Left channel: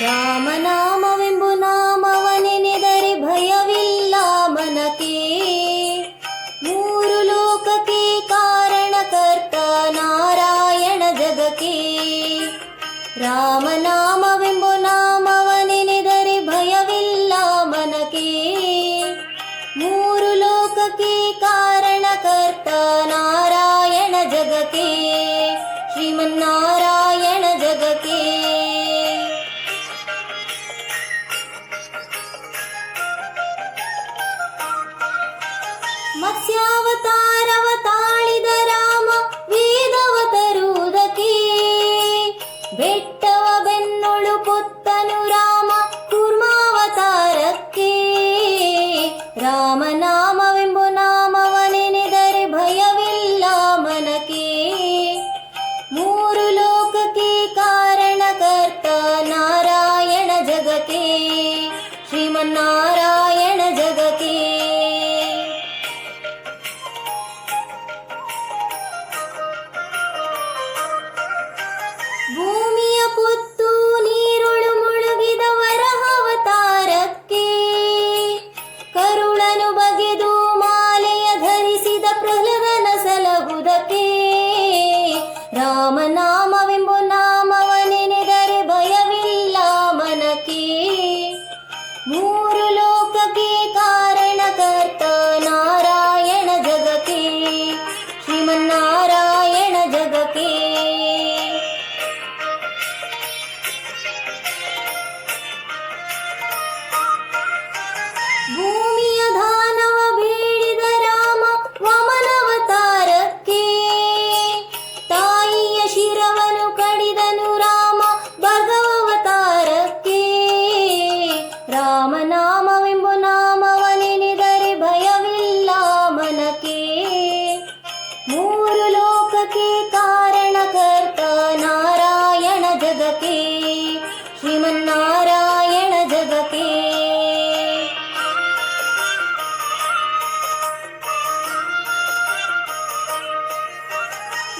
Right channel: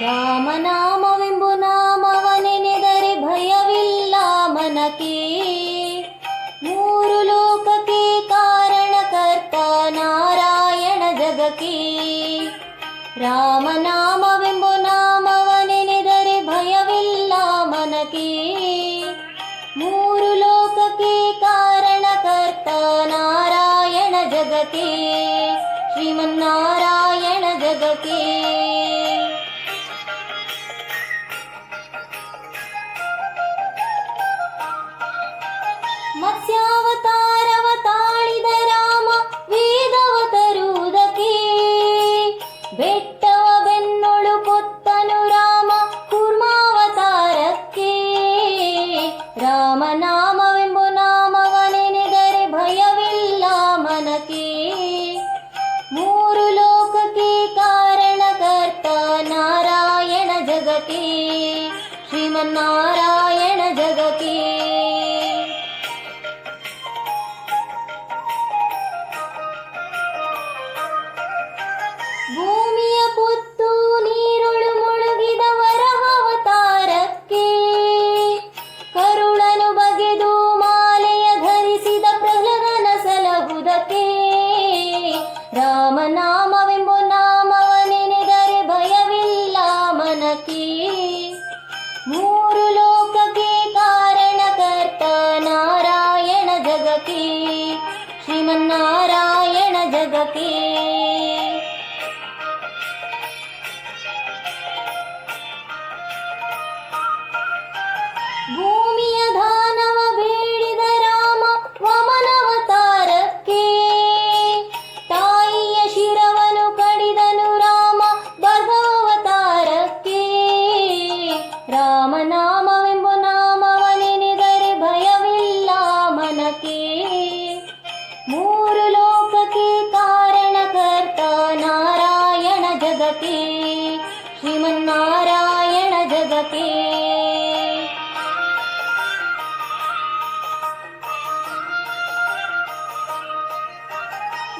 ರಾಮನಾಮವೆಂಬು ನಾಮವನೆ ನೆದರೆ ಭಯವಿಲ್ಲ ಮನಕೆ ಮೂರು ಲೋಕಕ್ಕೆ ಕಾರಣಕರ್ತ ನಾರಾಯಣ ಜಗಕ್ಕೆ ರಾಮನಾಮವೆಂಬು ನಾಮವನೆ ನೆದರೆ ಭಯವಿಲ್ಲ ಮನಕೆ ಮೂರು ಲೋಕಕ್ಕೆ ಕಾರಣಕರ್ತ ನಾರಾಯಣ ಜಗಕ್ಕೆ ಶ್ರೀಮನ್ನಾರಾಯಣ Woo!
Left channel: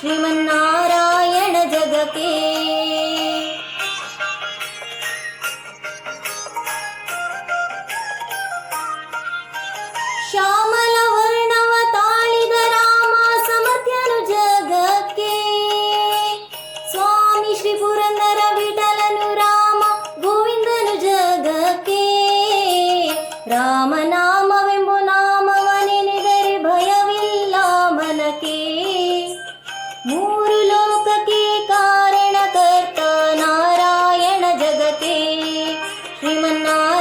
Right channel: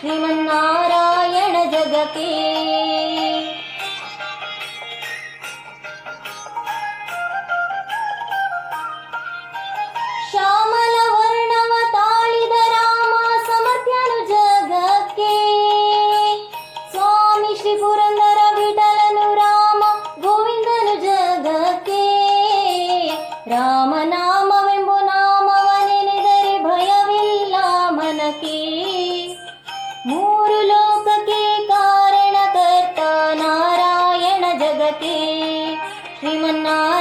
श्रीमन्नारायण जगते। ಶ್ರೀಮನ್ನಾರಾಯಣ